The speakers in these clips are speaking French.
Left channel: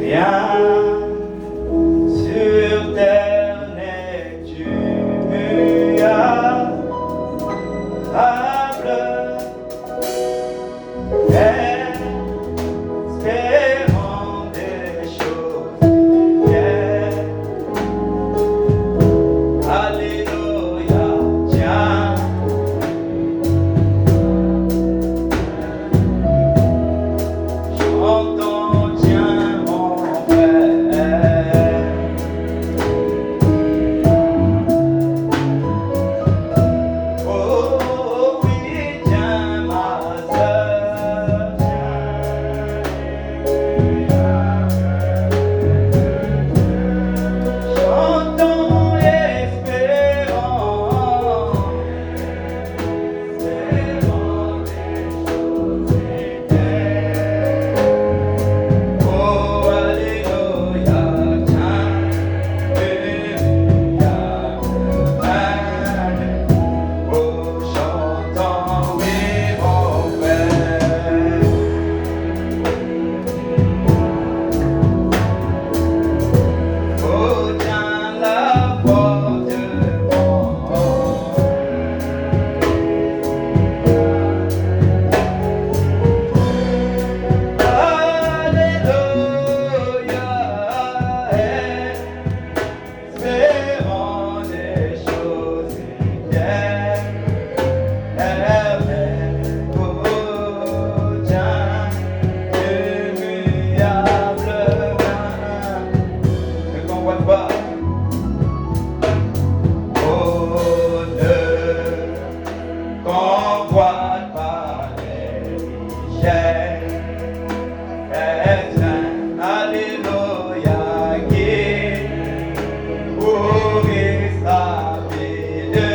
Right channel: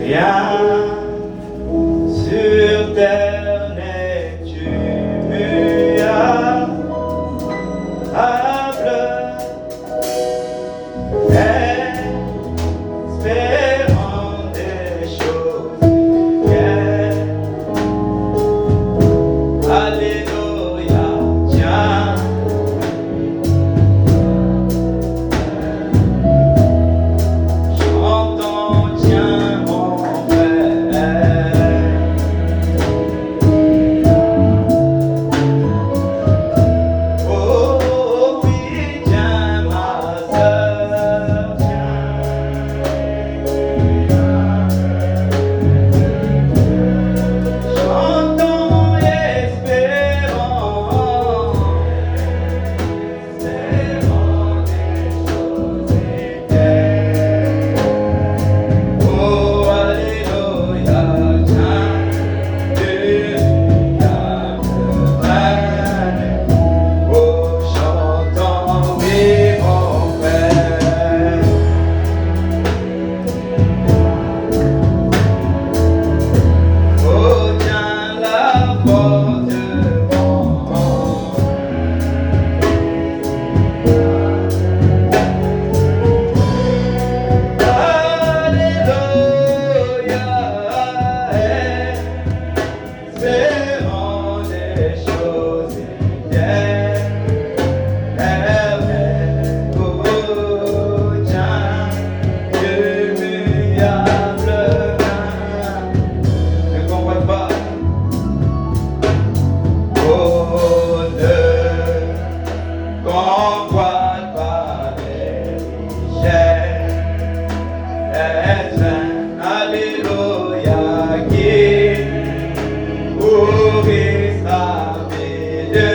Rien sur terre n'est tuable, espérant des choses bien. Alléluia, tiens. Chantons, tiens, mon frère. Oh oui, tiens, ma sœur, tiens. Chantons et espérons, espérons des choses éternelles. Oh, alléluia, tiens, Jésus garde. Oh, chantons, oui, mon frère. Oh, tiens la porte, mon Alléluia, espérons des choses éternelles. Oh, tiens, immuable main. Ne convoite pas. Oh, ne convoite pas les richesses. Alléluia, qui oublie sa vie de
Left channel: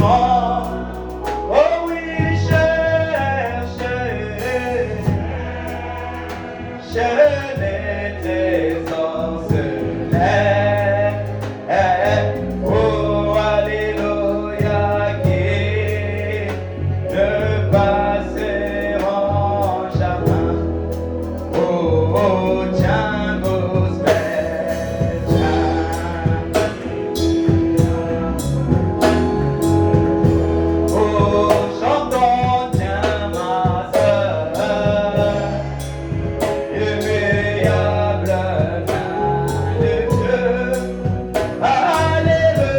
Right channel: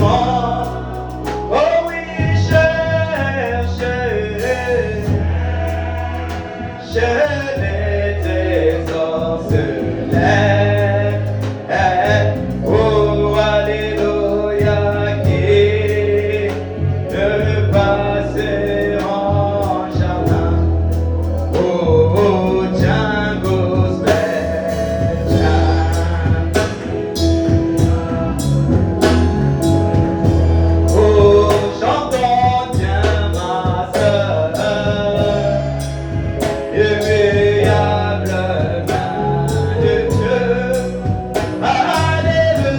mort. Oh oui, cherche les trésors célestes. Oh, alléluia, qui ne passeront jamais. Oh, tiens, gospel, tiens. Oh, chantons, tiens, ma sœur, immuable main de Dieu. Alléluia,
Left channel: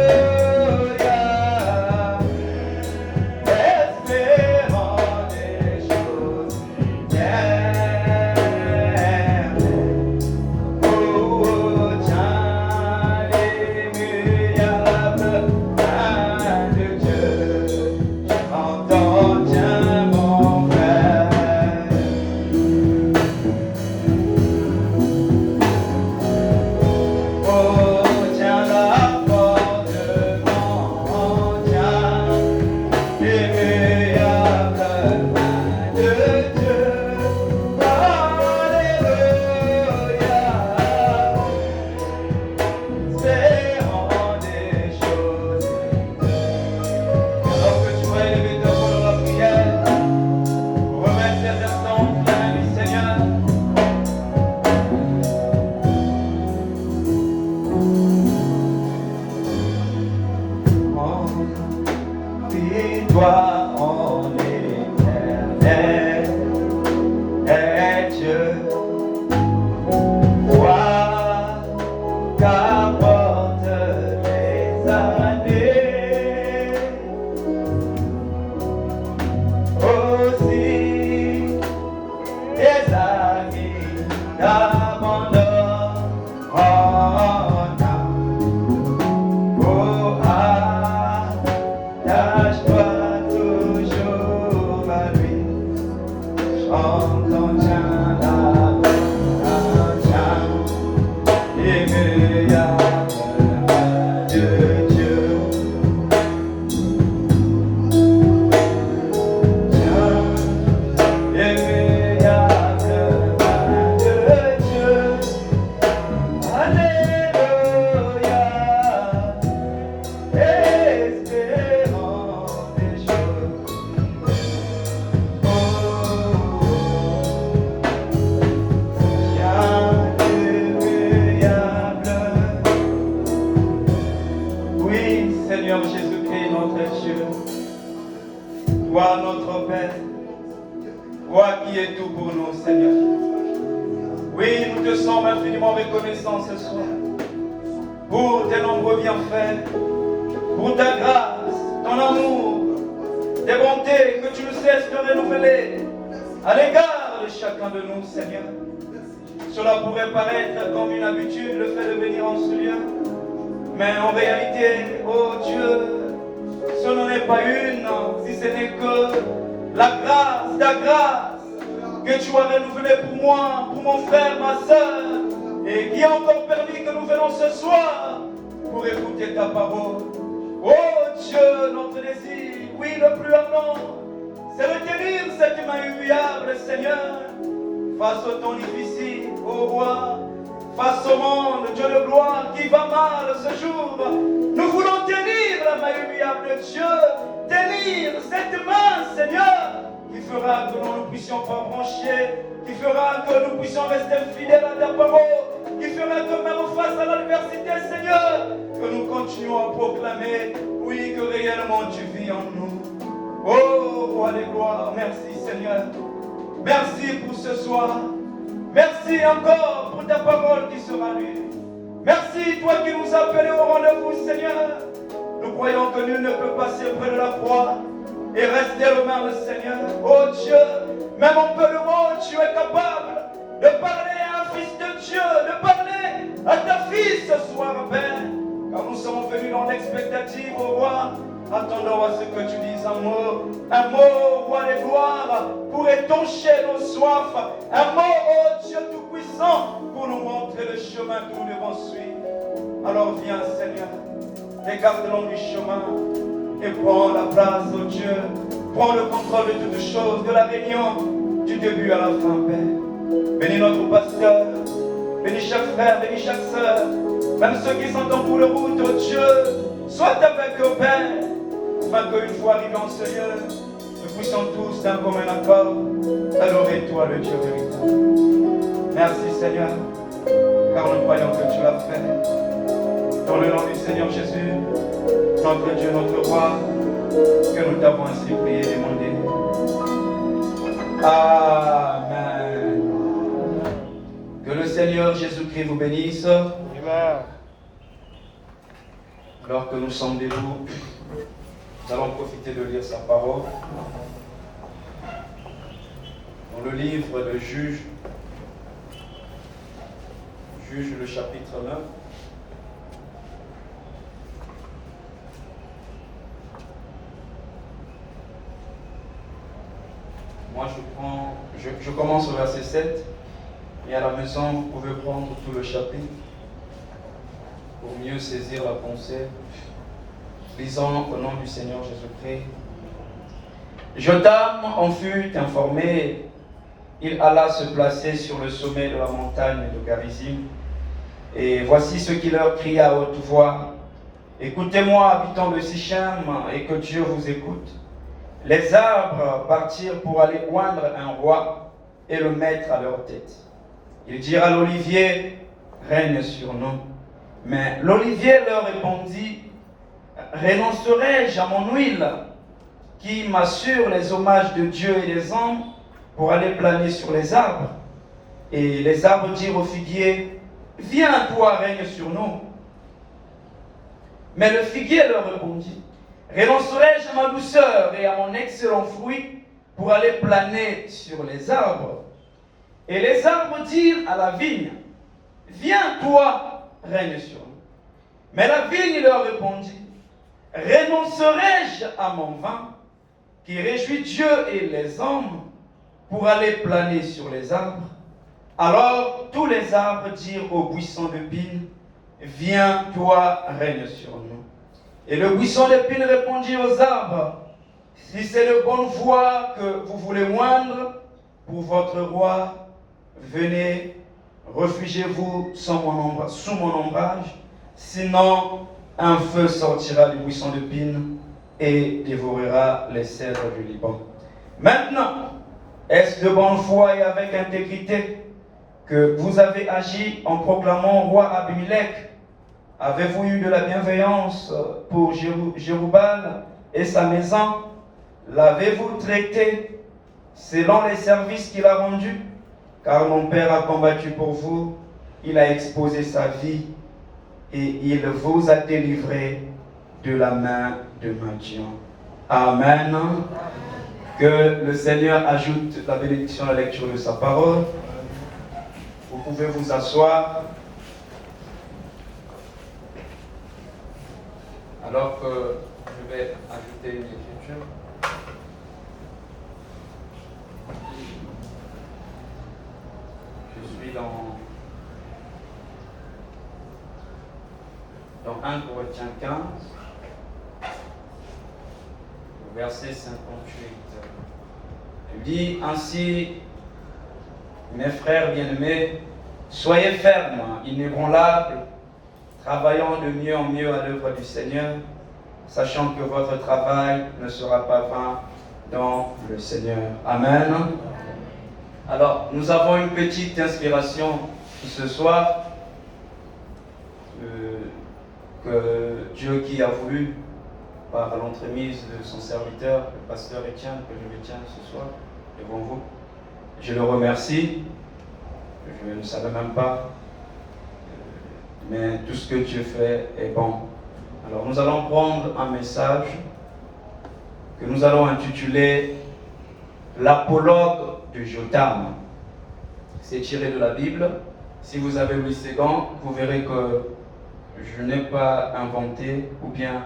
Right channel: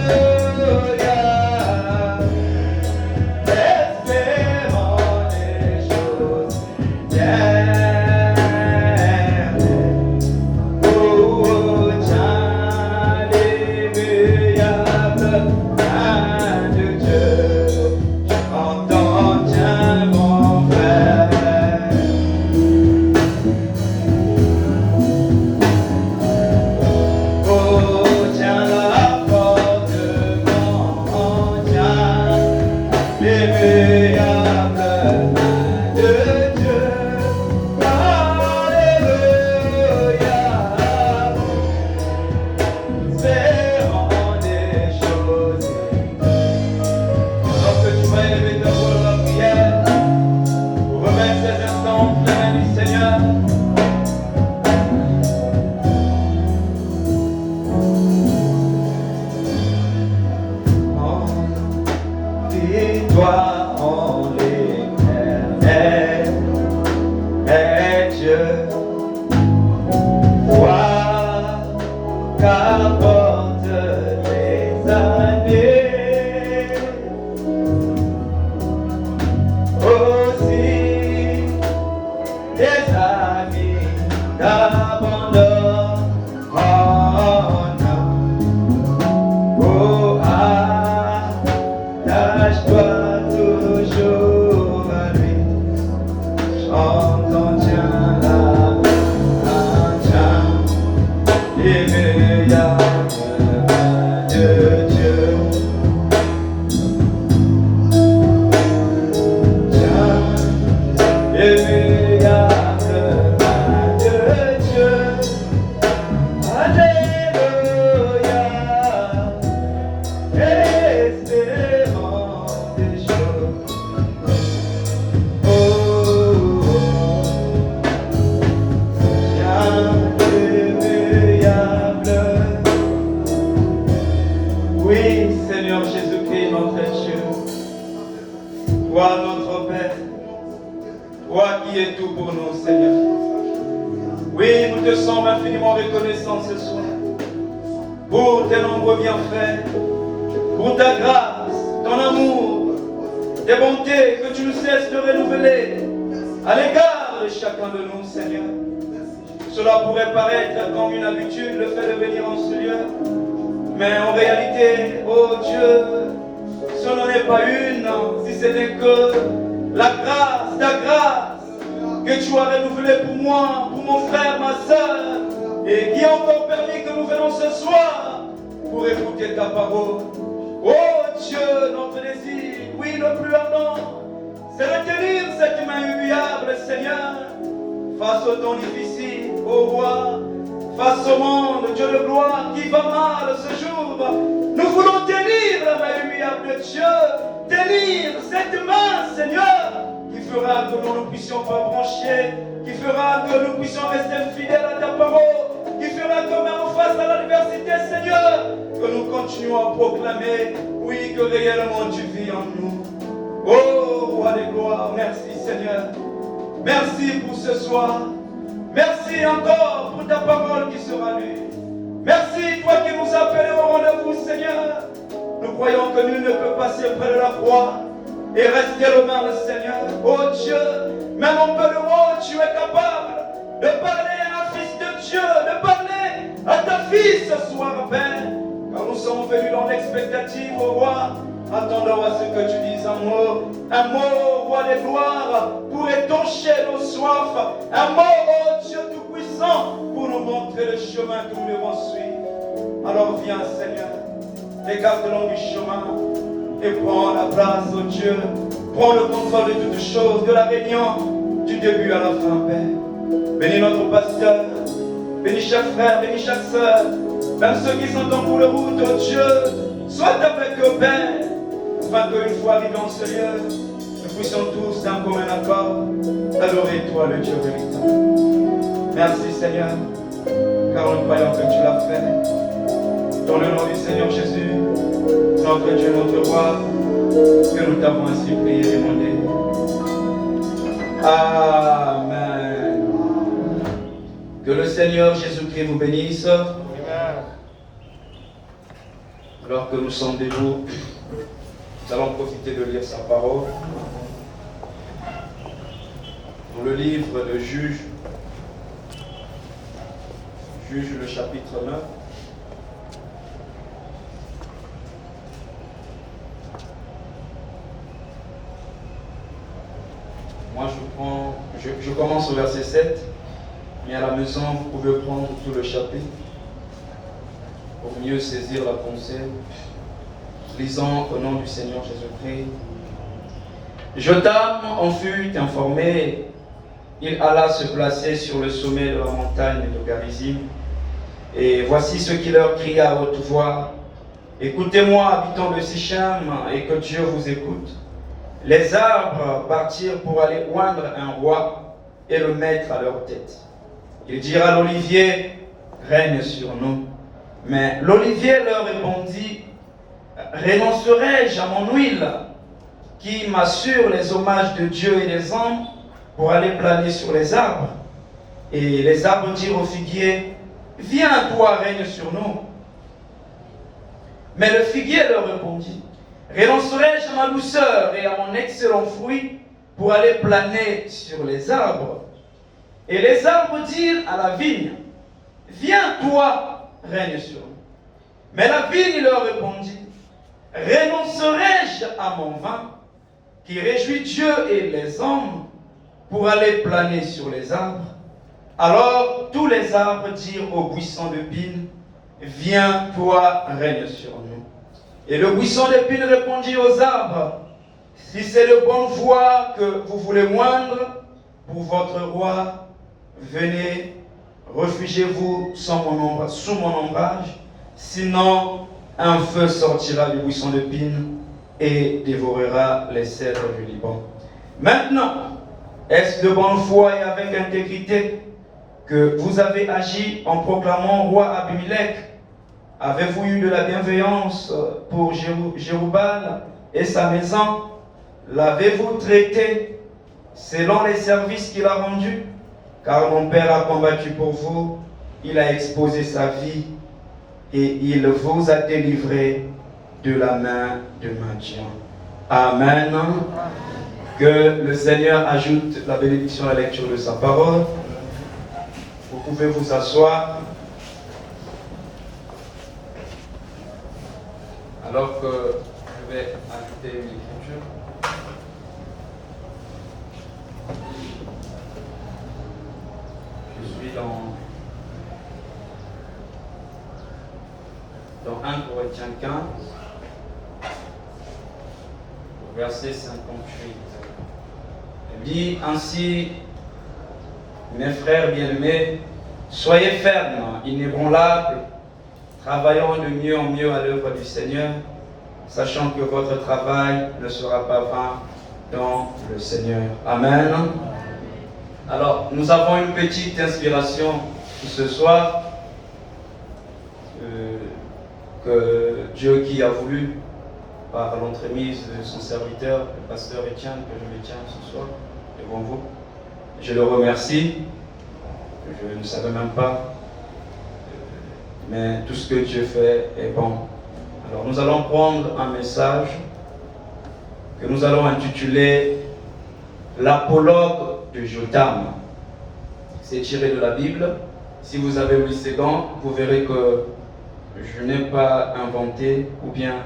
espérons des choses éternelles. Oh, tiens, l'immuable main de Dieu. Chantons, tiens, mon frère. Oh, tiens la porte, mon tiens, l'immuable main de Dieu. Alléluia, espérons des choses éternelles. Alors que tu vas élever ta voix dans la prière, pour remettre tes instants dans la main du Seigneur. Confie-toi en l'Éternel, est Dieu. Vois qu'apportent les années. Aussi, tes amis t'abandonnent. Oh, non. Oh, attache-toi toujours à lui. Chantons, tiens la main, tiens, l'immuable main de Dieu. Tiens, l'immuable main de Dieu. Oui, nous te sommes infiniment reconnaissants ce soir pour tes nombreux bienfaits, pour ta grâce, ton amour, tes bontés que tu nous cesses de renouveler à l'égard de chacun de nous, Seigneur. Cela pourrait paraître comme une habitude, le fait de venir en ce lieu, mais en réalité, oh Dieu, ce n'en est pas une, si ce n'est que la grâce, ta grâce, que tu as renouvelée pour moi, pour mon frère, ma soeur, et qui a encore permis que nous venons ce soir pour écouter ta parole. Oh Dieu, notre désir, oui, le plus ardent, c'est de tenir cette main humiliable, Seigneur, face au temps difficile, ô roi, face au monde, Dieu de gloire, qui va mal ce jour. Nous voulons tenir la main humiliable de Dieu, tenir cette main, Seigneur, qui fera que nous ne puissions pas brancher, qui fera que nous puissions rester fidèles à ta parole, qui fera que même face à l'adversité, Seigneur, que nous continuons à proclamer, oui, que réellement tu vis en nous. Oh, roi des gloires, merci Seigneur. Merci pour ce soir. Merci encore pour ta parole qui sera lue. Merci, toi qui nous appelles au rendez-vous, Seigneur. Nous croyons que nul ne peut passer près de la croix et rester loin, le Seigneur. Oh Dieu, même en peu de mots, tu es capable de parler à un fils de Dieu, de parler à ta fille ce soir, Père. Car nous sommes venus dans l'expectative, oh roi, attendons à ce que tu dises un mot, roi des gloires, pour étancher nos soifs, un mot, oh Dieu Tout-Puissant, pour nous montrer le chemin que nous devons suivre. Alors viens, Seigneur, écarte-nous du chemin et prends la place, oh Dieu, prends le contrôle de toutes choses, de la réunion, du début à la fin, Père. Bénis notre pasteur, bénis chaque frère, bénis chaque sœur, même ceux qui sont en cours de route, oh Dieu, sois avec eux, Père, afin qu'une fois arrivés en ce lieu, nous puissions tous d'un commun accord adorer toi, le Dieu véritable. Merci Seigneur, car nous croyons que tu l'as fait. Dans le nom du Seigneur Jésus, notre Dieu, notre roi, que nous t'avons ainsi prié et demandé. Amen. Que le Seigneur Jésus-Christ vous bénisse. Amen. Alors que nous sommes debout, nous allons profiter de lire sa parole. Dans le livre de Juge le chapitre 9. Moi, je commence au verset 7, et à la maison, vous pouvez prendre tout le chapitre pour mieux saisir la pensée. Lisons au nom du Seigneur Jésus-Christ. Jotham en fut informé. Il alla se placer sur le sommet de la montagne de Garizim. Et voici ce qu'il leur cria à haute voix. Écoutez-moi, habitants de Sichem, et que Dieu vous écoute. Les arbres partirent pour aller oindre un roi et le mettre à leur tête. Ils dirent à l'olivier, règne sur nous. Mais l'olivier leur répondit, renoncerai-je à mon huile, qui m'assure les hommages de Dieu et des hommes, pour aller planer sur les arbres? Et les arbres dirent au figuier, viens, toi, règne sur nous. Mais le figuier leur répondit, renoncerai-je à ma douceur et à mon excellent fruit pour aller planer sur les arbres? Et les arbres dirent à la vigne, viens, toi, règne sur nous. Mais la vigne leur répondit, renoncerai-je à mon vin qui réjouit Dieu et les hommes pour aller planer sur les arbres? Alors tous les arbres dirent au buisson de pine, viens, toi, règne sur nous. Et le buisson de pine répondit aux arbres, si c'est de bonne voie que vous voulez moindre pour votre roi, venez, réfugiez-vous sous mon ombrage, sinon un feu sortira du buisson de pine et dévorera les cèdres du Liban. Maintenant, est-ce de bonne foi et avec intégrité que vous avez agi en proclamant au roi Abimelech? Avez-vous eu de la bienveillance pour Jéroboam et sa maison? L'avez-vous traité selon les services qu'il a rendus? car mon Père a combattu pour vous, il a exposé sa vie et il vous a délivré de la main de Matthieu. Amen. Que le Seigneur ajoute la bénédiction à la lecture de sa parole. Vous pouvez vous asseoir. Alors que je vais ajouter une écriture. Je suis dans 1 Corinthiens 15, verset 58. Il dit ainsi, mes frères bien-aimés, soyez fermes, inébranlables, travaillant de mieux en mieux à l'œuvre du Seigneur, sachant que votre travail ne sera pas vain dans le Seigneur. Amen. Alors, nous avons une petite inspiration ce soir que Dieu qui a voulu, par l'entremise de son serviteur, le pasteur Étienne, que je me tiens ce soir devant vous. Je le remercie. Je ne savais même pas, mais tout ce que Dieu fait est bon. Alors nous allons prendre un message que nous allons intituler l'apologue de Jotham. C'est tiré de la Bible. Si vous avez 8 secondes, vous verrez que je n'ai pas inventé ou bien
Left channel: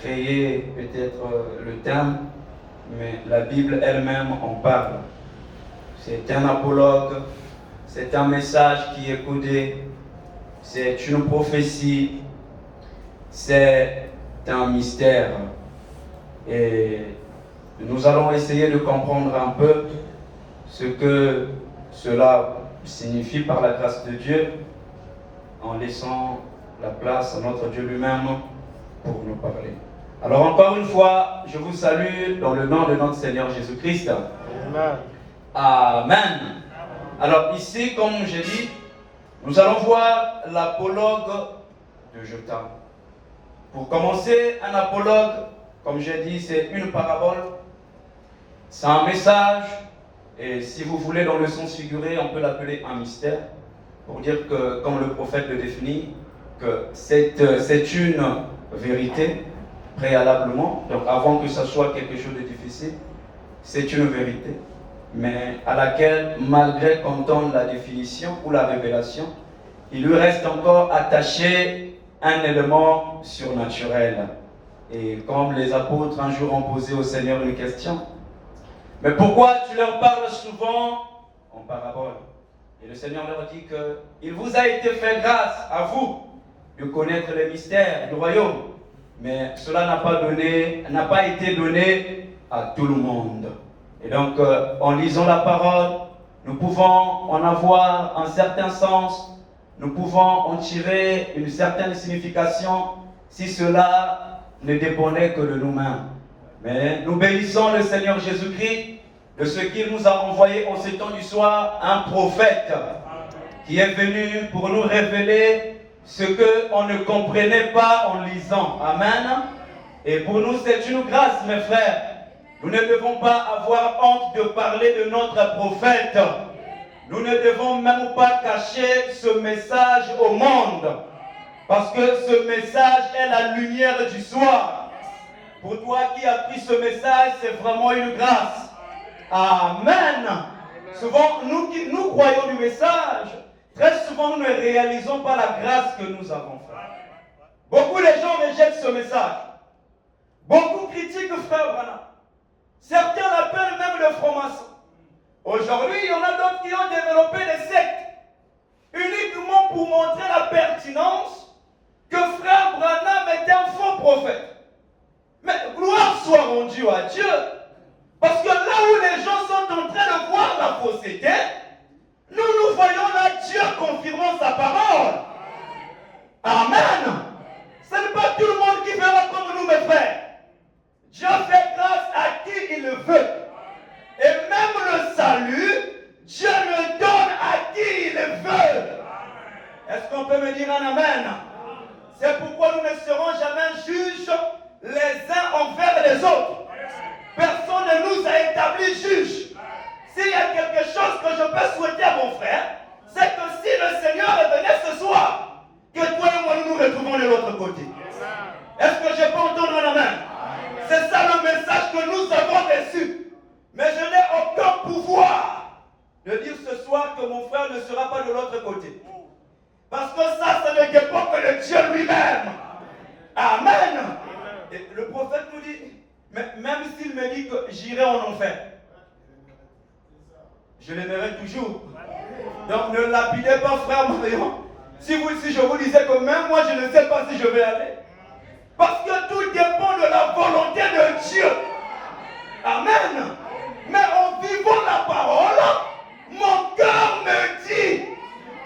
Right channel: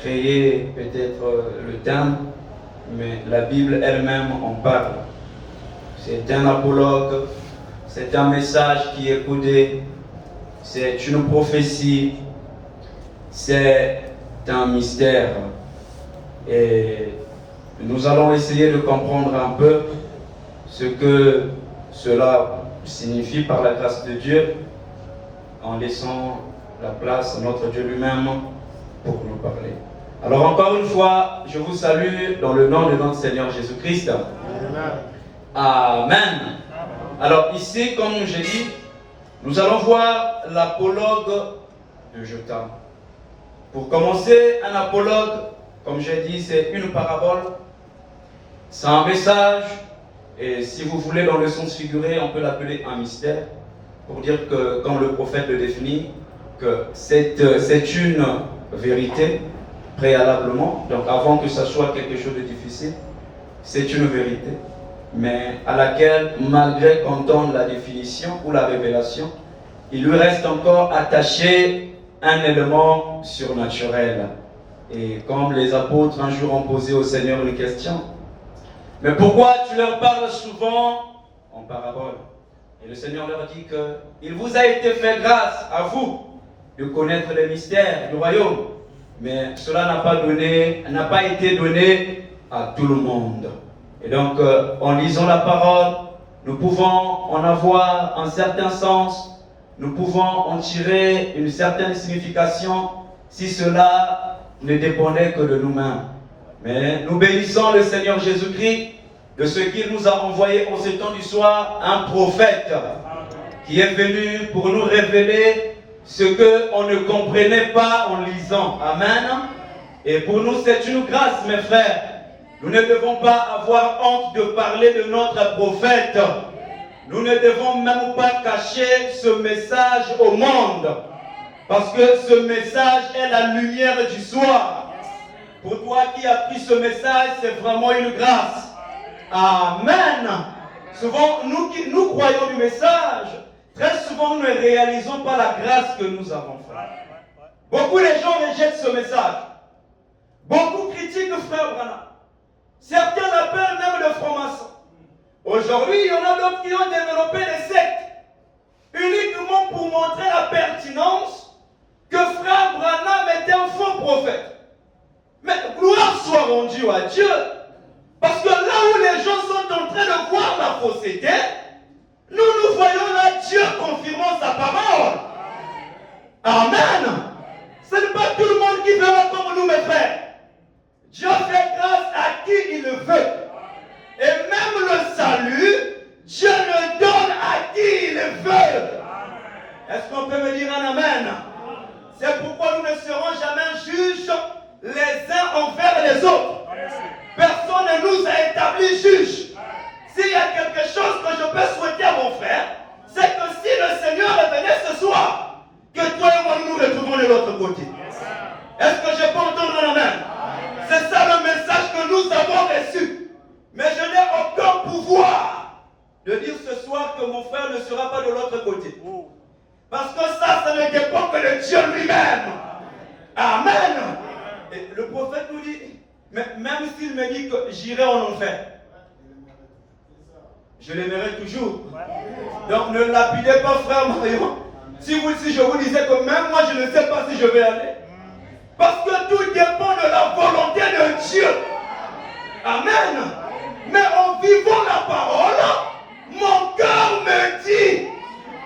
créé peut-être le terme, mais la Bible elle-même en parle. C'est un apologue, c'est un message qui est codé, c'est une prophétie, c'est un mystère. Et nous allons essayer de comprendre un peu ce que cela signifie par la grâce de Dieu, en laissant la place à notre Dieu lui-même pour nous parler. Alors encore une fois, je vous salue dans le nom de notre Seigneur Jésus-Christ. Amen. Alors ici, comme j'ai dit, nous allons voir l'apologue de Jotham. Pour commencer, un apologue, comme j'ai dit, c'est une parabole, c'est un message, et si vous voulez dans le sens figuré, on peut l'appeler un mystère, pour dire que, comme le prophète le définit, que c'est une vérité préalablement, donc avant que ça soit quelque chose de difficile, c'est une vérité, mais à laquelle, malgré qu'on donne la définition ou la révélation, il lui reste encore attaché un élément surnaturel. Et comme les apôtres un jour ont posé au Seigneur une question, mais pourquoi tu leur parles souvent en parabole? Et le Seigneur leur dit qu'il vous a été fait grâce à vous de connaître les mystères du royaume, mais cela n'a pas été donné à tout le monde. Et donc, en lisant la parole, nous pouvons en avoir un certain sens, nous pouvons en tirer une certaine signification si cela ne dépendait que de nous-mêmes. Mais nous bénissons le Seigneur Jésus-Christ de ce qu'il nous a envoyé en ce temps du soir, un prophète qui est venu pour nous révéler ce qu'on ne comprenait pas en lisant. Amen. Et pour nous, c'est une grâce, mes frères. Nous ne devons pas avoir honte de parler de notre prophète. Nous ne devons même pas cacher ce message au monde. Parce que ce message est la lumière du soir. Pour toi qui as pris ce message, c'est vraiment une grâce. Amen. Souvent, nous croyons du message. Très souvent, nous ne réalisons pas la grâce que nous avons faite. Beaucoup de gens rejettent ce message. Beaucoup critiquent Frère Branham. Certains l'appellent même le franc-maçon. Aujourd'hui, il y en a d'autres qui ont développé des sectes uniquement pour montrer la pertinence que Frère Branham était un faux prophète. Mais gloire soit rendue à Dieu, parce que là où les gens sont en train de voir la fausseté, nous voyons là Dieu confirmant sa parole. Amen. Ce n'est pas tout le monde qui verra comme nous, mes frères. Dieu fait grâce à qui il le veut. Et même le salut, Dieu le donne à qui il le veut. Est-ce qu'on peut me dire un amen? C'est pourquoi nous ne serons jamais juges les uns envers les autres. Personne ne nous a établis juges. S'il y a quelque chose que je peux souhaiter à mon frère, c'est que si le Seigneur revenait ce soir, que toi et moi nous nous retrouvons de l'autre côté. Est-ce que je peux entendre la main? C'est ça le message que nous avons reçu. Mais je n'ai aucun pouvoir de dire ce soir que mon frère ne sera pas de l'autre côté. Parce que ça ne dépend que de Dieu lui-même. Amen. Et le prophète nous dit, même s'il me dit que j'irai en enfer, je l'aimerai toujours. Donc ne lapidez pas, frère Marion. Si je vous disais que même moi je ne sais pas si je vais aller. Parce que tout dépend de la volonté de Dieu. Amen. Mais en vivant la parole, mon cœur me dit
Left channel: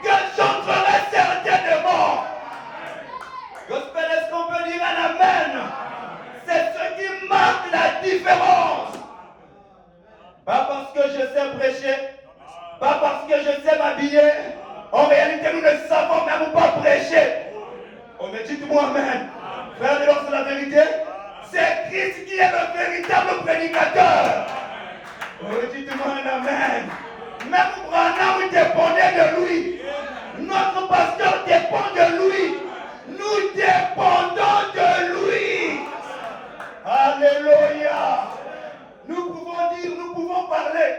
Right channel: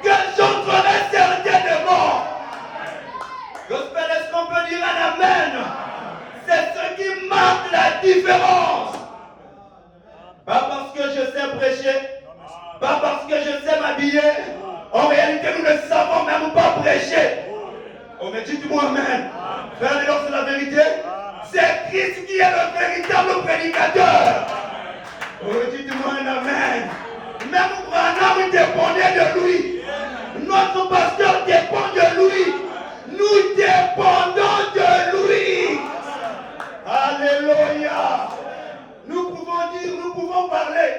que j'entrerai certainement. Gospel, est-ce qu'on peut dire un amen? C'est ce qui marque la différence. Pas parce que je sais prêcher, pas parce que je sais m'habiller. En réalité, nous ne savons même pas prêcher. On me dit, dis-moi amen. Frère, alors c'est la vérité. C'est Christ qui est le véritable prédicateur. On me dit, dis-moi un amen. Même Branham dépendait de lui. Notre pasteur dépend de lui. Nous dépendons de lui. Alléluia. Nous pouvons dire, nous pouvons parler.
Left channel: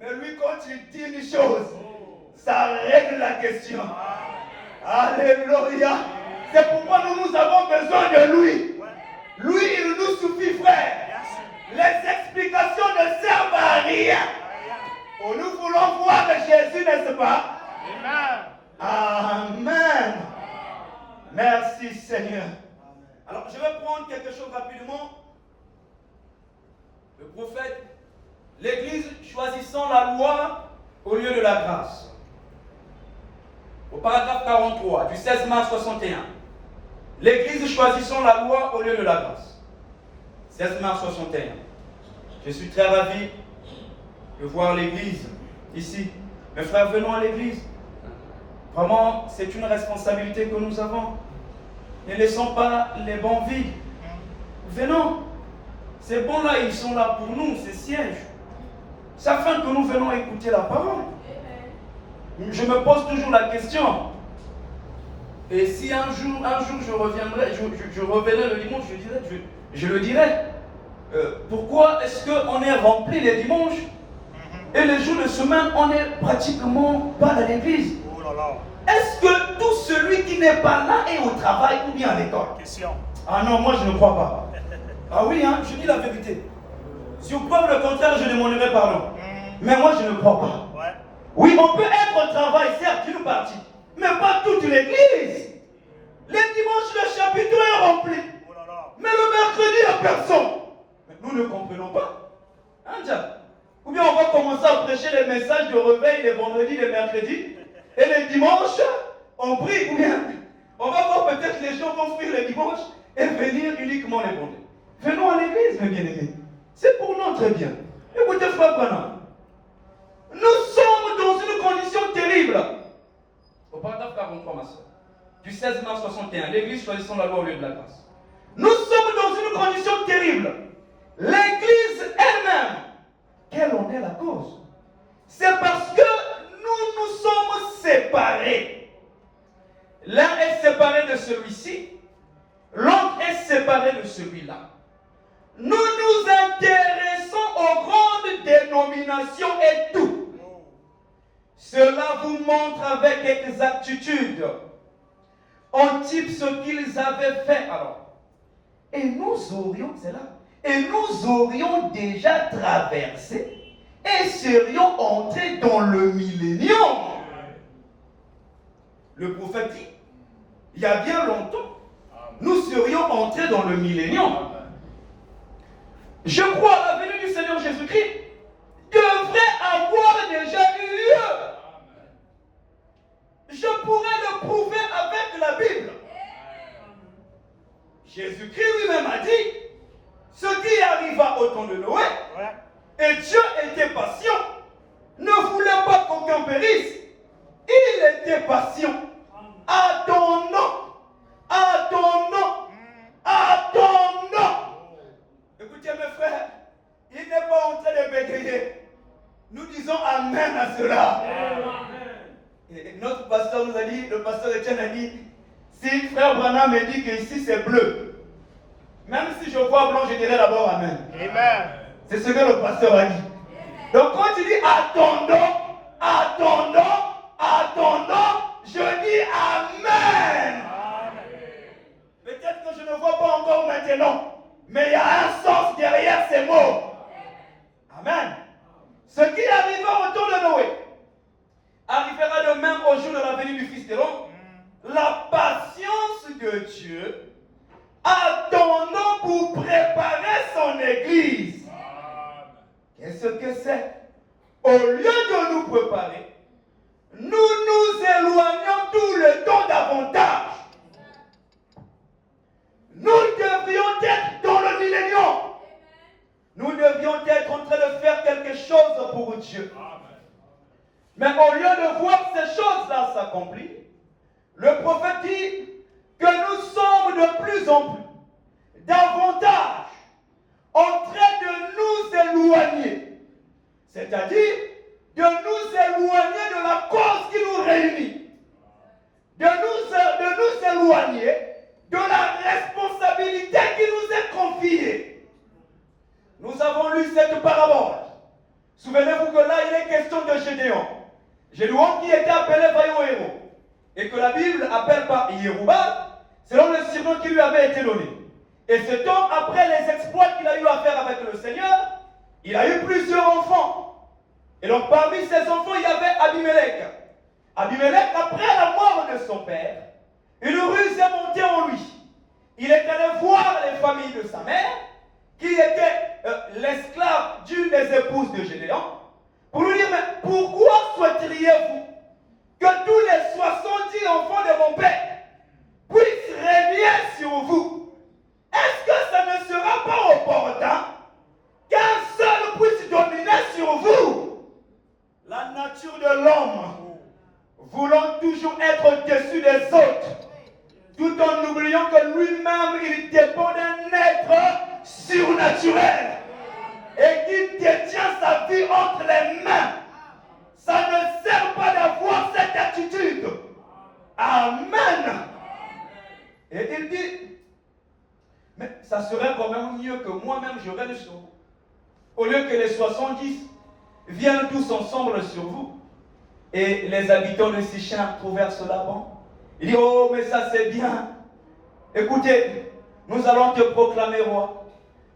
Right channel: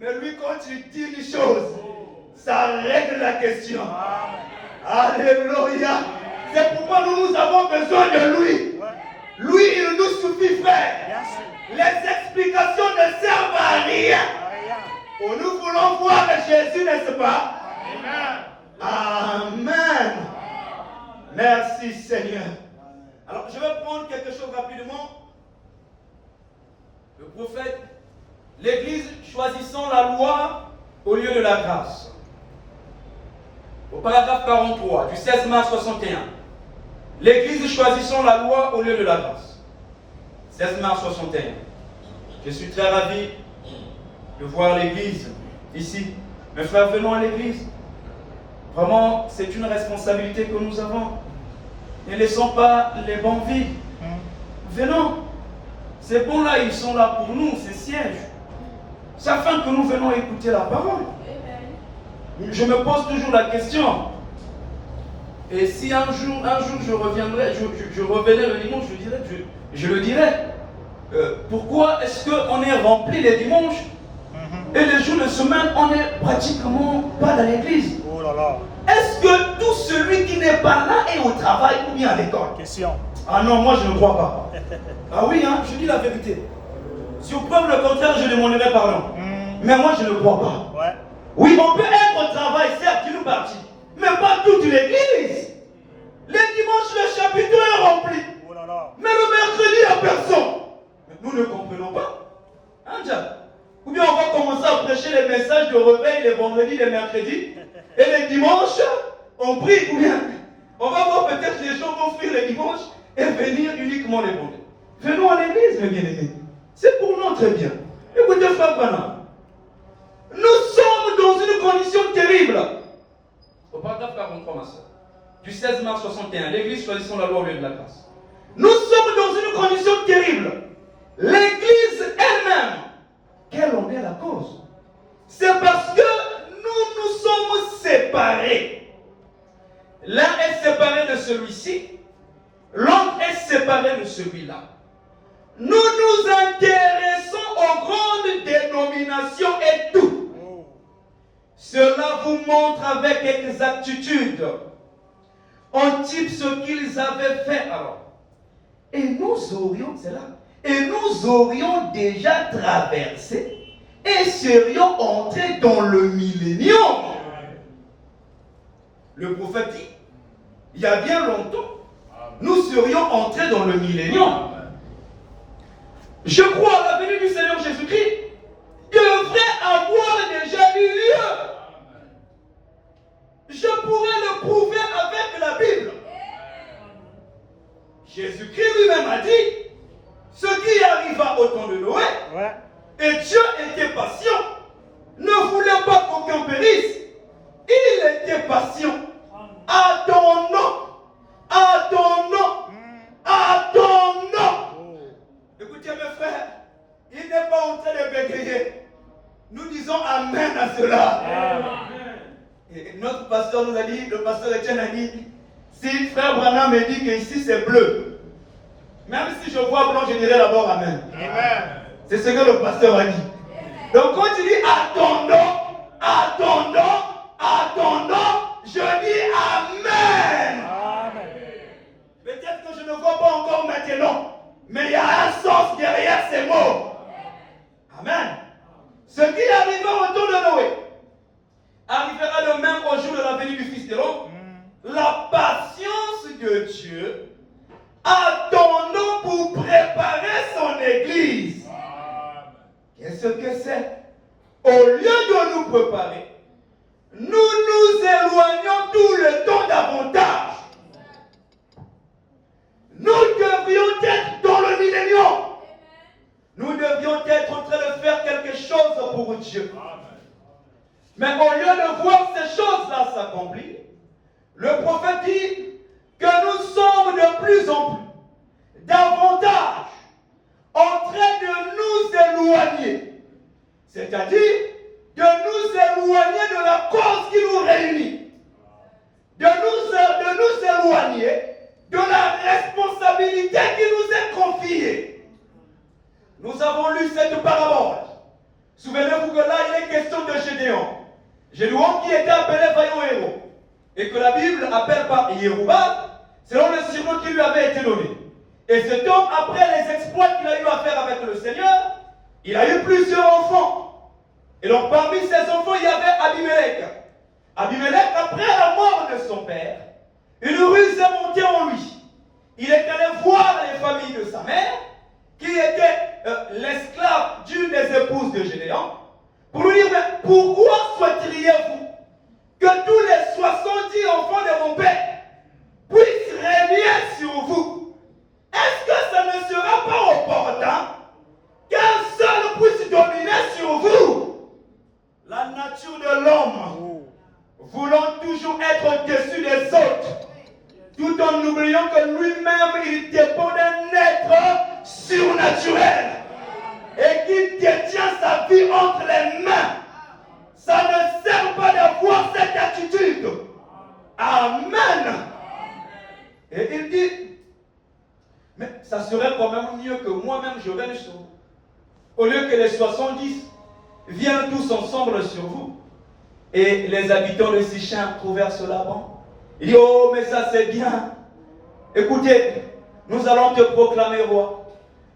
Mais lui, quand il dit une chose, ça règle la question. Alléluia. C'est pourquoi nous avons besoin de lui. Lui, il nous suffit, frère. Les explications ne servent à rien. Nous voulons voir Jésus, n'est-ce pas? Amen. Merci, Seigneur. Alors, je vais prendre quelque chose rapidement. Le prophète, l'Église choisissant la loi au lieu de la grâce. Au paragraphe 43 du 16 mars 61. L'Église choisissant la loi au lieu de la grâce. 16 mars 61. Je suis très ravi de voir l'Église ici. Mes frères, venons à l'Église. Vraiment, c'est une responsabilité que nous avons. Ne laissons pas les bancs vides. Venons. Ces bancs-là, ils sont là pour nous, ces sièges. C'est afin que nous venons écouter la parole. Je me pose toujours la question. Et si un jour je reviendrai, je revenais le dimanche, je le dirais. Pourquoi est-ce qu'on est rempli les dimanches et les jours de semaine, on n'est pratiquement pas dans l'église? Est-ce que tout celui qui n'est pas là est au travail ou bien à l'école? Ah non, moi je ne crois pas. Ah oui, hein, je dis la vérité. Si vous prouvez le contraire, je demanderai pardon. Mais moi je ne crois pas. Oui, on peut être au travail, certes, une partie, mais pas toute l'église. Les dimanches, le chapitre est rempli. Mais le mercredi, il n'y a personne. Mais nous ne comprenons pas. Hein, Jack? Ou bien on va commencer à prêcher les messages de réveil les vendredis, les mercredis. Et les dimanches, on prie. Ou bien on va voir peut-être les gens vont fuir les dimanches et venir uniquement les vendredis. Venons à l'église, mes bien-aimés. C'est pour notre bien. Écoutez, frère Branham. Nous sommes dans une condition terrible. Au paragraphe 43, ma soeur, du 16 mars 61, l'Église choisissant la loi au lieu de la grâce. Nous sommes dans une condition terrible. L'Église elle-même, quelle en est la cause? C'est parce que nous nous sommes séparés. L'un est séparé de celui-ci, l'autre est séparé de celui-là. Nous nous intéressons aux grandes dénominations et tout. Cela vous montre avec exactitude en type ce qu'ils avaient fait alors. Et nous aurions, c'est là, et nous aurions déjà traversé et serions entrés dans le millénium. Le prophète dit, il y a bien longtemps, nous serions entrés dans le millénium. Je crois à la venue du Seigneur Jésus-Christ devrait avoir déjà eu lieu. Je pourrais le prouver avec la Bible. Jésus-Christ lui-même a dit ce qui arriva au temps de Noé, et Dieu était patient, ne voulait pas qu'aucun périsse. Il était patient. Attendons. Écoutez mes frères, il n'est pas en train de bégayer. Nous Notre pasteur nous a dit, le pasteur Etienne a dit, si frère Branham me dit que ici c'est bleu, même si je vois blanc, je dirais d'abord Amen. Amen. C'est ce que le pasteur a dit. Donc quand tu dis attendons, attendons, attendons, je dis Amen. Peut-être que je ne vois pas encore maintenant, mais il y a un sens derrière ces mots. Amen. Ce qui arriva au temps de Noé arrivera de même au jour de la venue du Fils de l'homme. La patience de Dieu, attendons pour préparer son Église. Qu'est-ce que c'est? Au lieu de nous préparer, nous nous éloignons tout le temps davantage. Nous devrions être dans le millénium. Nous devrions être en train de faire quelque chose pour Dieu. Mais au lieu de voir ces choses-là s'accomplir, le prophète dit que nous sommes de plus en plus, davantage, en train de nous éloigner. C'est-à-dire de nous éloigner de la cause qui nous réunit. De nous éloigner de la responsabilité qui nous est confiée. Nous avons lu cette parabole. Souvenez-vous que là, il est question de Gédéon. Gédéon qui était appelé vaillant héros. Et que la Bible appelle par Yéroubal, selon le surnom qui lui avait été donné. Et ce temps, après les exploits qu'il a eu à faire avec le Seigneur, il a eu plusieurs enfants. Et donc parmi ces enfants, il y avait Abimelech. Abimelech, après la mort de son père, une ruse est montée en lui. Il est allé voir les familles de sa mère, qui était l'esclave d'une des épouses de Gédéon, pour lui dire, mais pourquoi souhaiteriez-vous que tous les 70 enfants de mon père puissent régner sur vous? Est-ce que ça ne sera pas opportun qu'un seul puisse dominer sur vous? La nature de l'homme, voulant toujours être au-dessus des autres, tout en oubliant que lui-même, il dépend d'un être surnaturel et qu'il détient sa vie entre les mains. Ça ne sert pas d'avoir cette attitude. Amen. Et il dit, mais ça serait quand même mieux que moi-même je règne sur vous. Au lieu que les 70 viennent tous ensemble sur vous. Et les habitants de Sichem trouvèrent cela bon. Il dit, oh, mais ça c'est bien. Écoutez, nous allons te proclamer roi.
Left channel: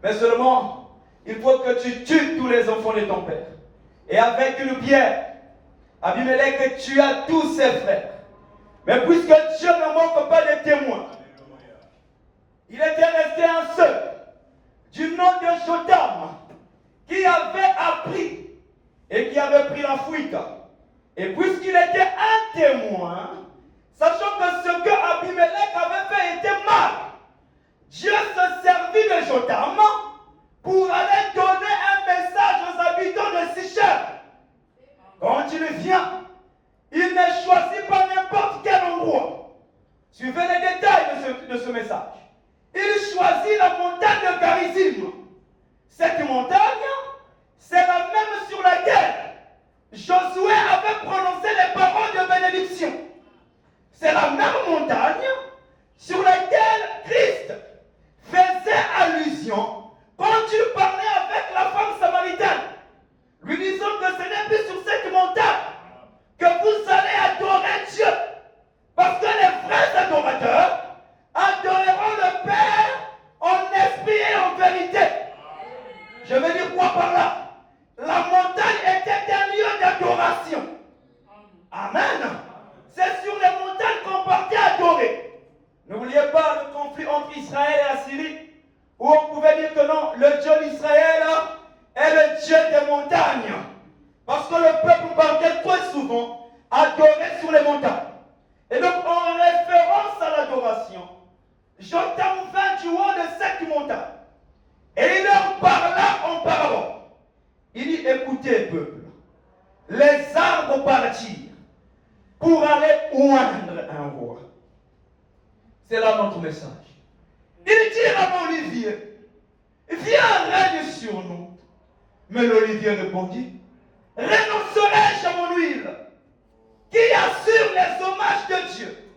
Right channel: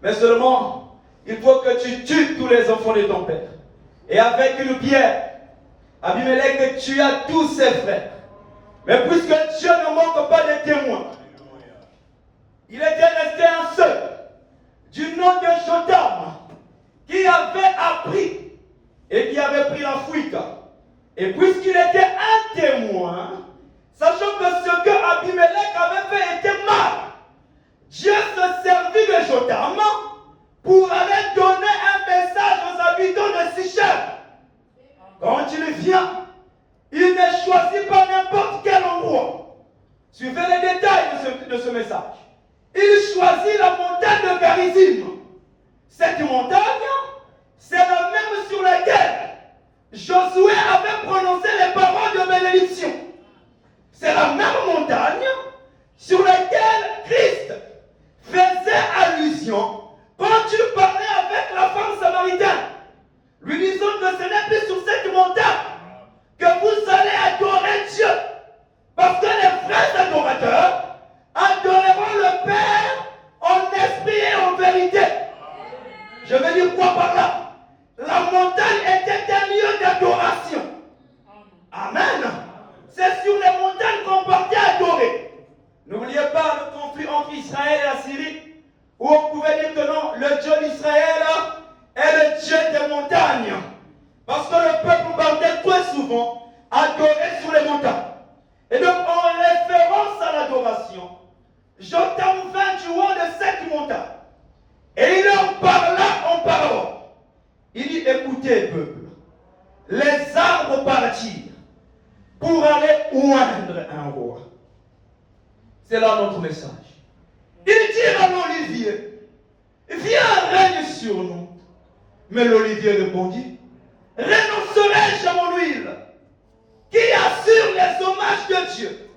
Mais seulement, il faut que tu tues tous les enfants de ton père. Et avec une pierre, Abimelech tua tous ses frères. Mais puisque Dieu ne manque pas de témoins, il était resté un seul, du nom de Jotham, qui avait appris et qui avait pris la fuite. Et puisqu'il était un témoin, sachant que ce que Abimelech avait fait était mal, Dieu se servit de Jotham pour aller donner un message aux habitants de Sichem. Quand il vient, il ne choisit pas n'importe quel endroit. Suivez les détails de ce message. Il choisit la montagne de Garizim. Cette montagne, c'est la même sur laquelle Josué avait prononcé les paroles de bénédiction. C'est la même montagne sur laquelle Christ faisait allusion quand il parlait avec la femme samaritaine, lui disant que ce n'est plus sur cette montagne que vous allez adorer Dieu, parce que les vrais adorateurs adoreront le Père en esprit et en vérité. Je veux dire quoi par là? La montagne était un lieu d'adoration. Amen. C'est sur les montagnes qu'on partait adorer. N'oubliez pas le conflit entre Israël et la Syrie, où on pouvait dire que non, le Dieu d'Israël est le Dieu des montagnes. Parce que le peuple partait très souvent adorer sur les montagnes. Et donc, en référence à l'adoration, Jotham vint du haut de cette montagne. Et il leur parla en parlant. Il dit, écoutez, peuple, les arbres partirent pour aller oindre un roi. C'est là notre message. Il dit à l'olivier, viens, règne sur nous. Mais l'olivier répondit, renoncerai-je à mon huile? qui assure les hommages de Dieu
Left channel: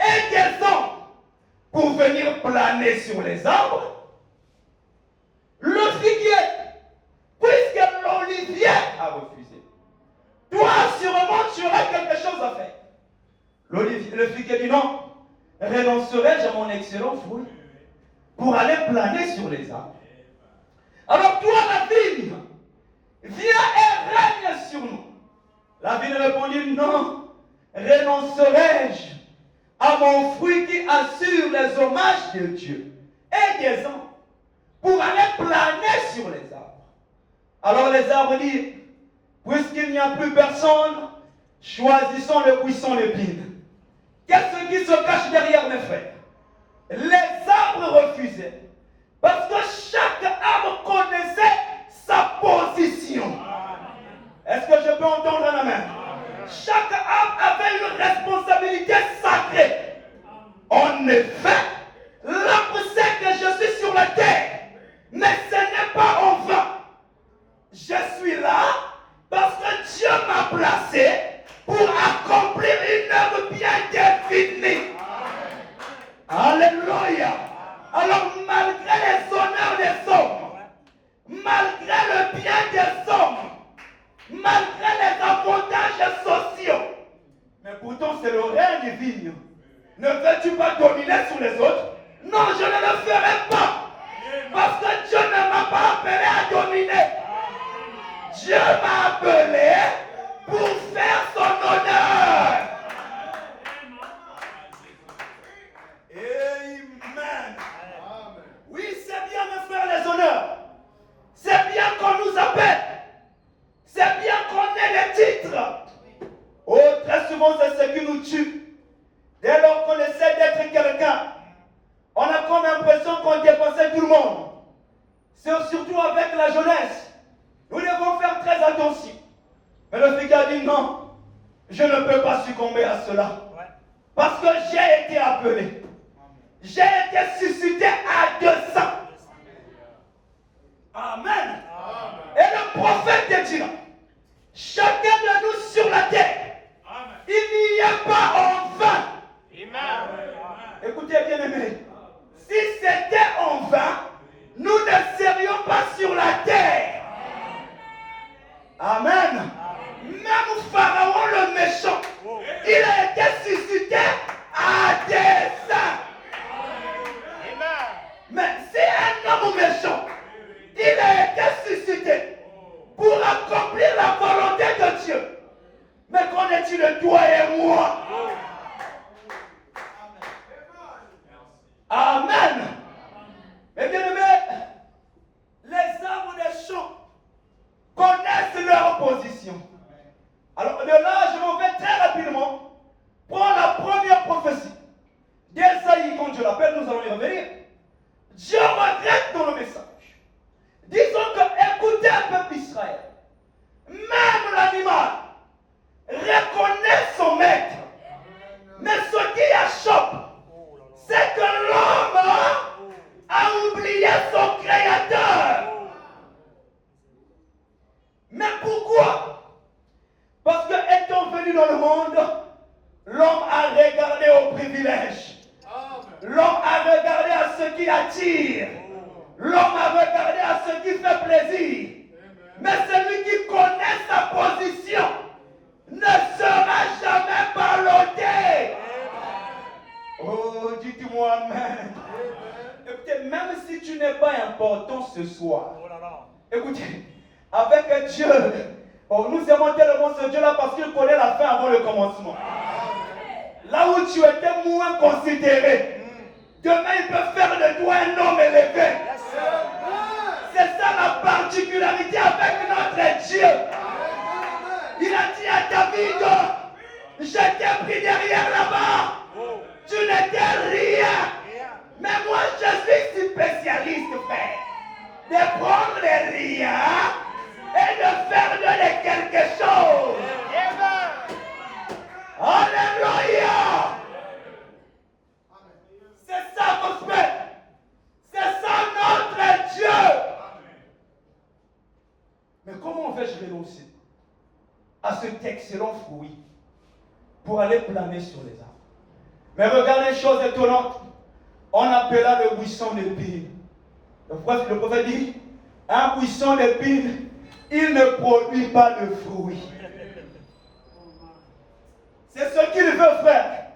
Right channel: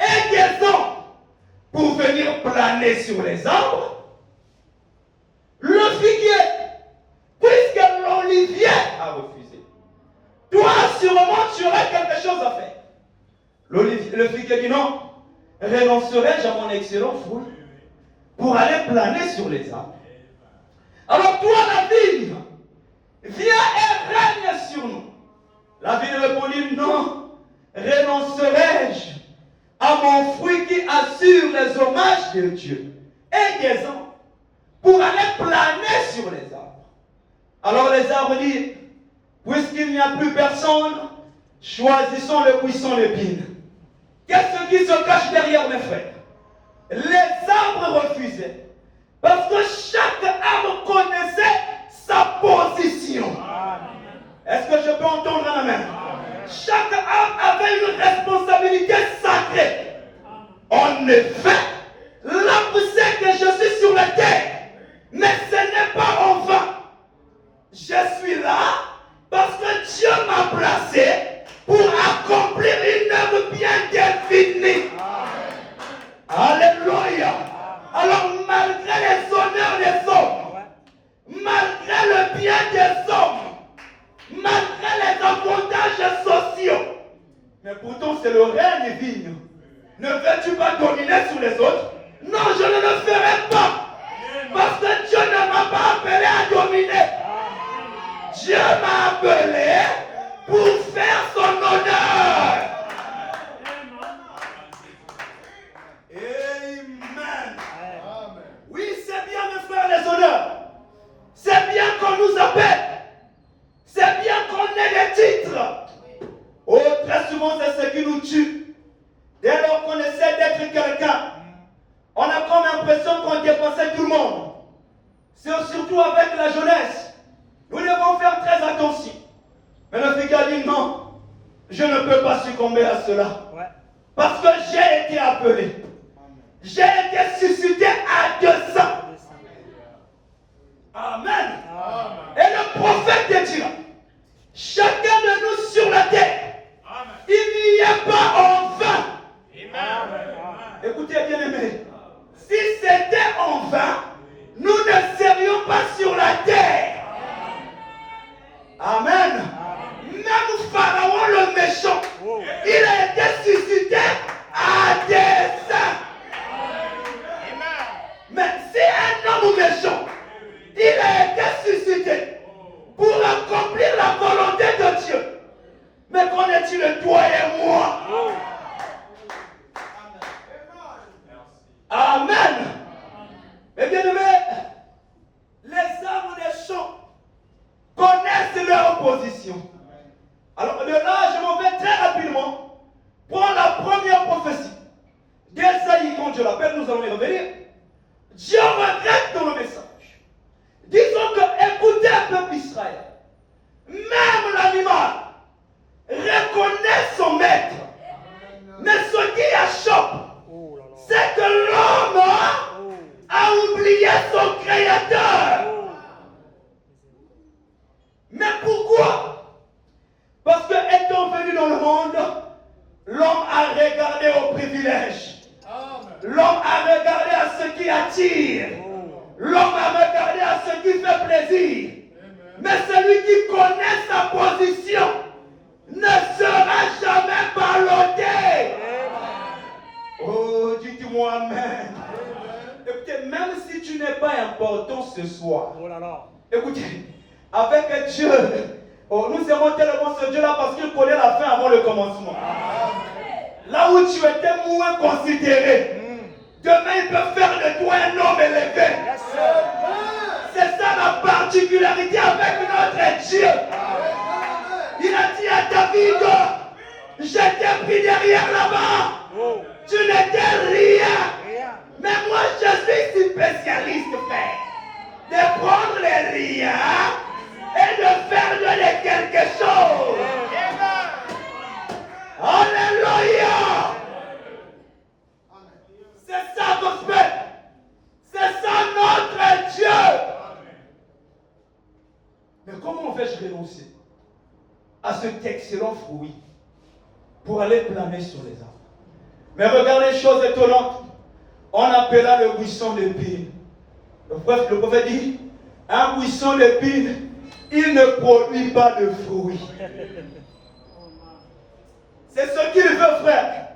et des hommes pour venir planer sur les arbres, le figuier, puisque l'olivier a refusé, toi sûrement tu auras quelque chose à faire. Le figuier dit non, renoncerai-je à mon excellent fruit pour aller planer sur les arbres. Alors toi la vigne, viens et règne sur nous. La vigne répondit non, renoncerai-je à mon fruit qui assure les hommages de Dieu et des hommes pour aller planer sur les arbres. Alors les arbres disent, puisqu'il n'y a plus personne, choisissons le buisson d'épines. Qu'est-ce qui se cache derrière mes frères? Les arbres refusaient parce que chaque arbre connaissait sa position. Est-ce que je peux entendre un amen? Chaque arbre avait une responsabilité sacrée. En effet, l'arbre sait que je suis sur la terre, mais ce n'est pas en vain. Je suis là parce que Dieu m'a placé pour accomplir une œuvre bien définie. Alléluia. Alors malgré les honneurs des hommes, malgré le bien des hommes, malgré les avantages sociaux, mais pourtant c'est le règne vigne. Ne veux-tu pas dominer sur les autres? Non, je ne le ferai pas. Parce que Dieu ne m'a pas appelé à dominer. Dieu m'a appelé pour faire son honneur. Amen. Oui, c'est bien de faire les honneurs. C'est bien qu'on nous appelle. C'est bien qu'on ait des titres. Oh, très souvent, c'est ce qui nous tue. Dès lors qu'on essaie d'être quelqu'un, on a comme l'impression qu'on dépassait tout le monde. C'est surtout avec la jeunesse. Nous devons faire très attention. Mais le figuier a dit non, je ne peux pas succomber à cela. Parce que j'ai été appelé. J'ai été suscité à 200. Amen. Et le prophète te dira, chacun de nous sur la terre, il n'y a pas en vain. Écoutez bien aimés, si c'était en vain, nous ne serions pas sur la terre. Amen. Même Pharaon le méchant, il a été suscité à dessein. Mais si un homme méchant, il a été suscité pour accomplir la volonté de Dieu, mais qu'en est-il de toi et moi? Amen. Et bien aimé, les arbres des champs connaissent leur position. Alors de là, je m'en vais très rapidement prendre la première prophétie d'Esaïe, quand je l'appelle, nous allons y revenir. Dieu regrette dans le message. Disons que, écoutez un peuple Israël, même l'animal reconnaît son maître. Mais ce qui achoppe, c'est que l'homme a oublié son créateur. Mais pourquoi? Parce que étant venu dans le monde, l'homme a regardé au privilège. L'homme a regardé à ce qui attire. L'homme a regardé à ce qui fait plaisir. Mais celui qui connaît sa position ne sera jamais ballotté. Oh, dites-moi amen. Écoutez, même si tu n'es pas important ce soir, écoutez, avec Dieu, nous aimons tellement ce Dieu-là parce qu'il connaît la fin avant le commencement. Là où tu étais moins considéré, demain il peut faire de toi un homme élevé. C'est ça la particularité avec notre Dieu. Il a dit à David, je t'ai pris derrière là-bas. Tu n'étais rien. Mais moi je suis spécialiste, frère, de prendre les riens et de faire de les quelque chose. Alléluia. C'est ça gospel. C'est ça notre Dieu. Mais comment vais-je renoncer à cet excellent fruit pour aller planer sur les arbres. Mais regardez, chose étonnante, on appela le buisson d'épines. Le prophète dit, un buisson d'épines, il ne produit pas de fruits. C'est ce qu'il veut faire.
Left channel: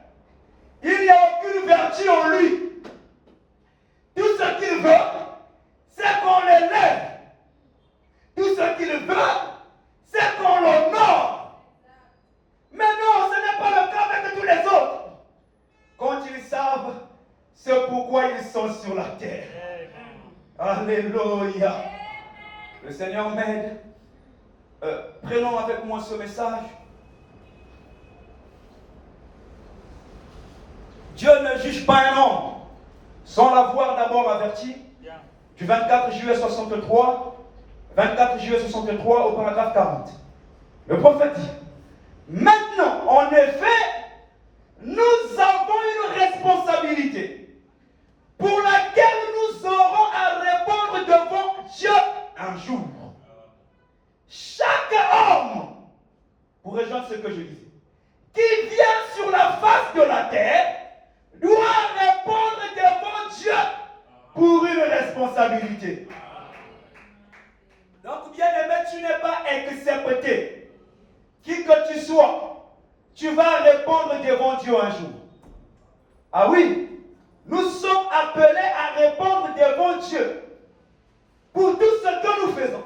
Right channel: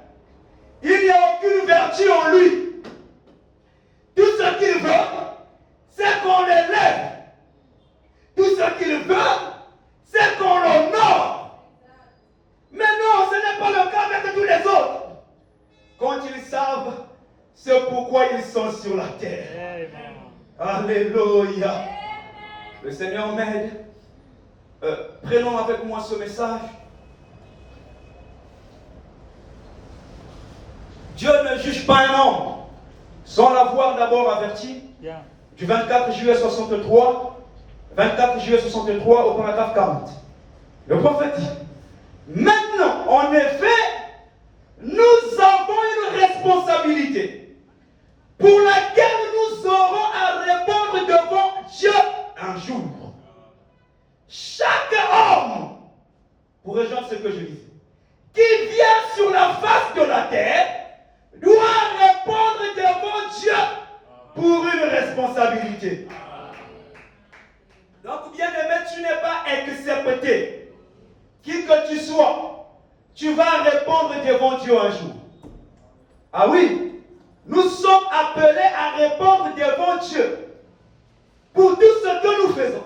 Il n'y a aucune vertu en lui. Tout ce qu'il veut, c'est qu'on l'élève. Tout ce qu'il veut, c'est qu'on l'honore. Mais non, ce n'est pas le cas avec tous les autres. Quand ils savent, c'est pourquoi ils sont sur la terre. Alléluia. Le Seigneur m'aide. Prenons avec moi ce message. Dieu ne juge pas un homme sans l'avoir d'abord averti. Du 24 juillet 63, 24 juillet 63 au paragraphe 40. Le prophète dit, maintenant, en effet, nous avons une responsabilité pour laquelle nous aurons à répondre devant Dieu un jour. Chaque homme, pour rejoindre ce que je disais, qui vient sur la face de la terre, doit répondre devant Dieu pour une responsabilité. Donc, bien aimé, tu n'es pas excepté. Qui que tu sois, tu vas répondre devant Dieu un jour. Ah oui, nous sommes appelés à répondre devant Dieu pour tout ce que nous faisons,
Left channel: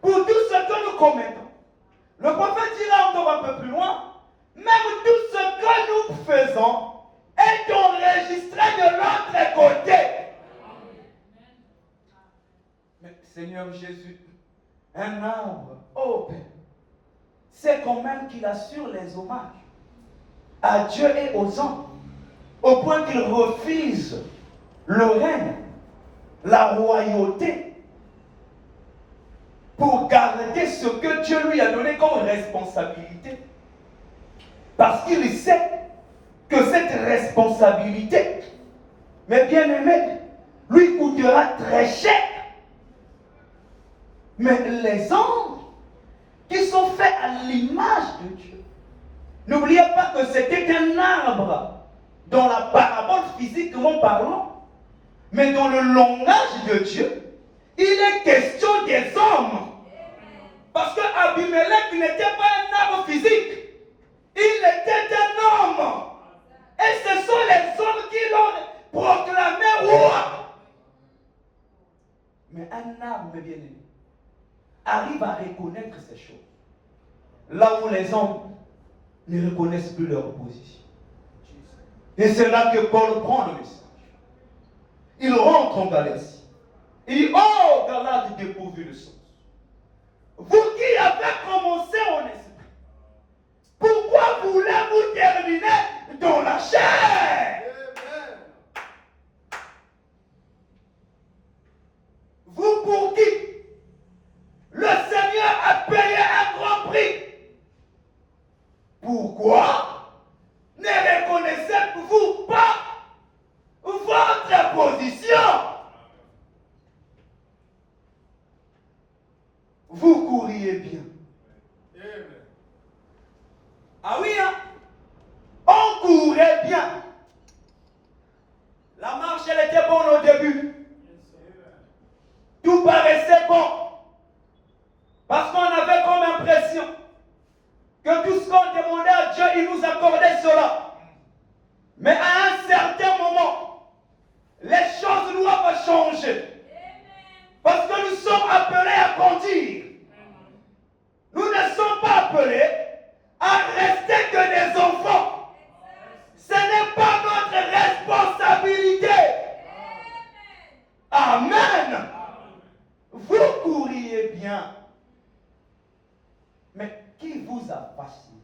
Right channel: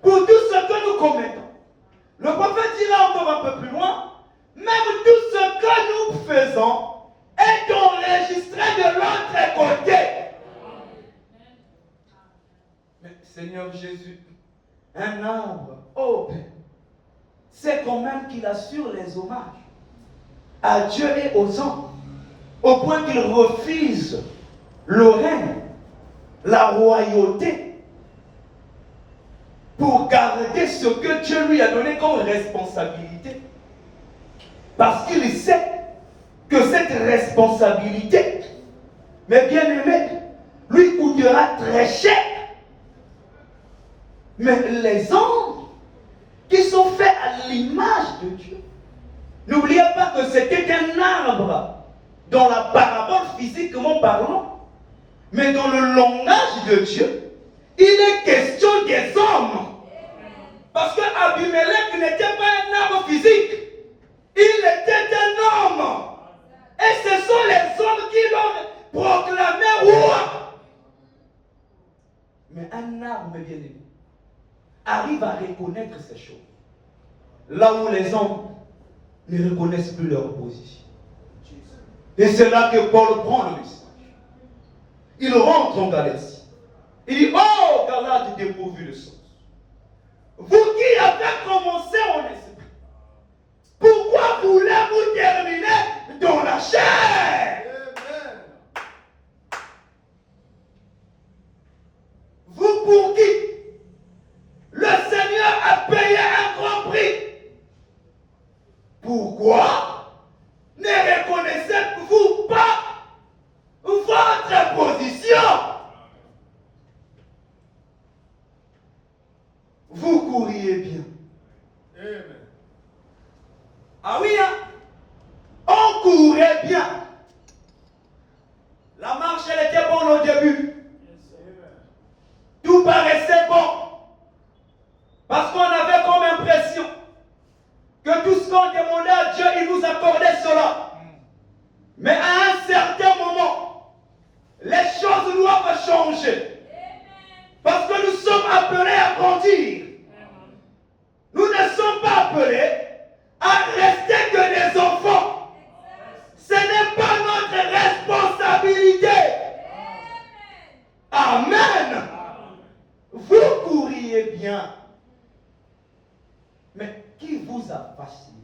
pour tout ce que nous commettons. Le prophète dira encore un peu plus loin, même tout ce que nous faisons est enregistré de l'autre côté. Mais Seigneur Jésus, un arbre, oh Père, c'est quand même qu'il assure les hommages à Dieu et aux hommes, au point qu'il refuse le règne, la royauté, pour garder ce que Dieu lui a donné comme responsabilité. Parce qu'il sait que cette responsabilité, mes bien-aimés, lui coûtera très cher. Mais les hommes qui sont faits à l'image de Dieu, n'oubliez pas que c'était un arbre dans la parabole physiquement parlant, mais dans le langage de Dieu, il est question des hommes. Parce qu'Abimelech n'était pas un arbre physique, il était un homme. Et ce sont les hommes qui l'ont proclamé roi. Mais un arbre, mes bien-aimés, arrive à reconnaître ces choses. Là où les hommes ne reconnaissent plus leur position. Et c'est là que Paul prend le message. Il rentre en Galatie. Il dit, oh Galates dépourvus de sens. Vous qui avez commencé en esprit, pourquoi voulez-vous terminer dans la chair? Vous pour qui le Seigneur a payé un grand prix. Pourquoi ne reconnaissez-vous pas votre position? Vous courriez bien. Amen. Ah oui, hein? On courait bien. La marche, elle était bonne au début. Tout paraissait bon. Parce qu'on avait comme impression que tout ce qu'on demandait à Dieu, il nous accordait cela. Mais à un certain moment, les choses doivent changer. Parce que nous sommes appelés à grandir. Nous ne sommes pas appelés à rester que des enfants. Ce n'est pas notre responsabilité. Amen. Vous courriez bien. Mais qui vous a fasciné?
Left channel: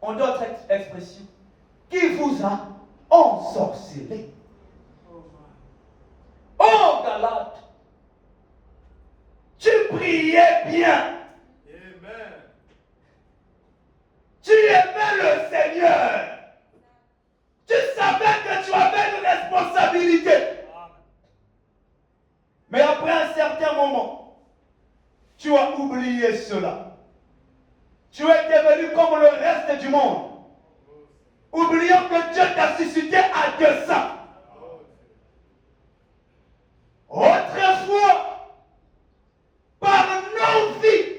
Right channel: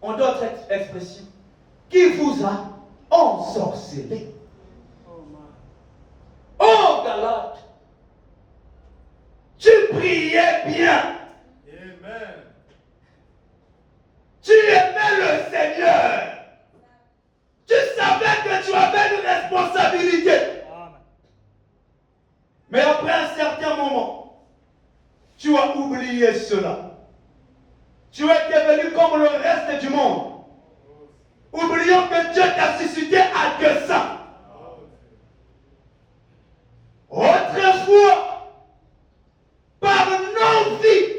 En d'autres expressions, qui vous a ensorcelé? Oh Galate, tu priais bien. Amen. Tu aimais le Seigneur. Tu savais que tu avais une responsabilité. Mais après un certain moment, tu as oublié cela. Tu es devenu comme le monde. Oublions que Dieu t'a suscité à 200. Autrefois, par nos vies,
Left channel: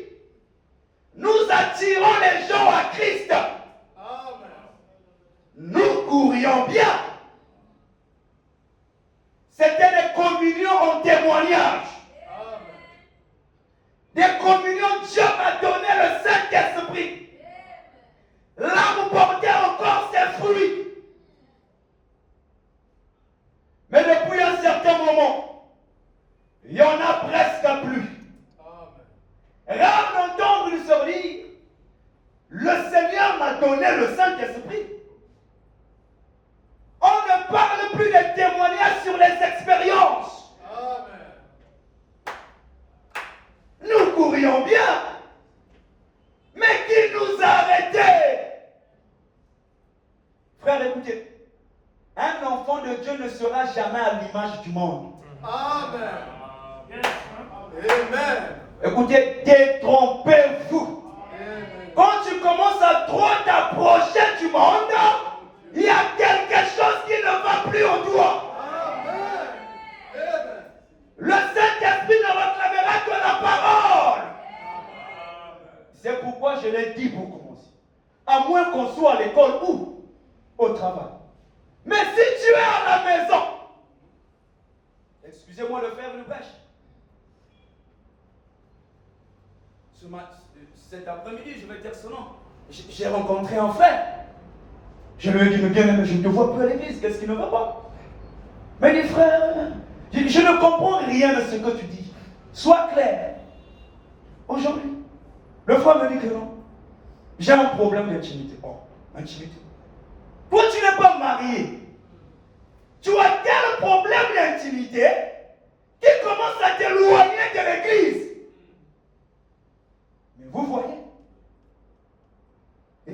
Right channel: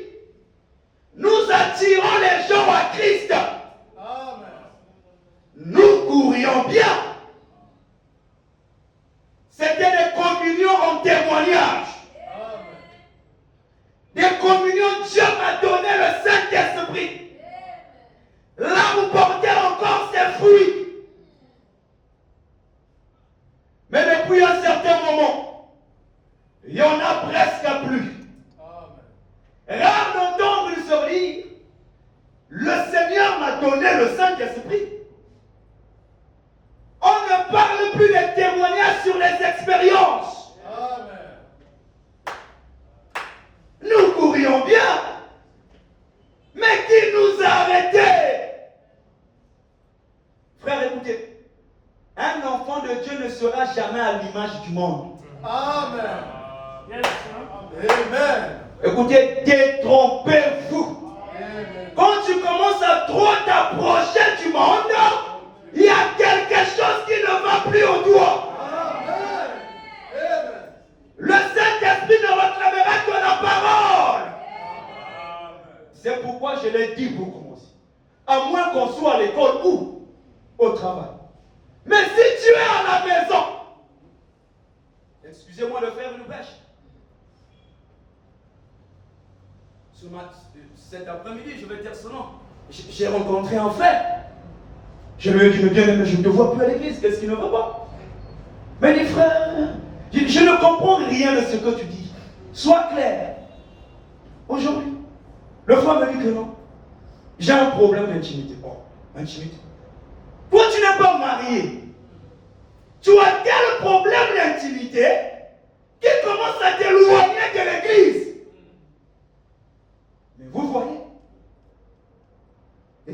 nous attirons les gens à Christ. Nous courions bien. C'était des communions en témoignage. Des communions, Dieu m'a donné le Saint-Esprit. Là, vous portez encore ses fruits. Mais depuis un certain moment, il n'y en a presque plus. Rare d'entendre se dire, le Seigneur m'a donné le Saint-Esprit. On ne parle plus des témoignages sur les expériences. Nous courions bien. Mais qui nous a arrêtés? Frère, écoutez. Un enfant de Dieu ne sera jamais à l'image du monde. Amen. Amen. Écoutez, détrompez-vous. Quand tu commences à trop t'approcher du monde, il y a quelque chose qui ne va plus au doigt. Le Saint-Esprit ne réclamera que la parole. C'est pourquoi je l'ai dit pour commencer. À moins qu'on soit à l'école ou au travail. Mais si tu es à la maison, excusez-moi de faire une brèche. Cet après-midi, je vais dire ce nom. J'ai rencontré un frère. Je lui ai dit, bien-aimé, je ne te vois plus à l'église. Qu'est-ce qui ne va pas? Mais les frères, je ne comprends rien de ce que tu dis. Sois clair. Aujourd'hui, le frère me dit que non. J'ai un problème d'intimité. Oh, intimité. Toi, tu n'es pas marié. Tu as quel problème d'intimité qui commence à t'éloigner de l'église? Mais vous voyez,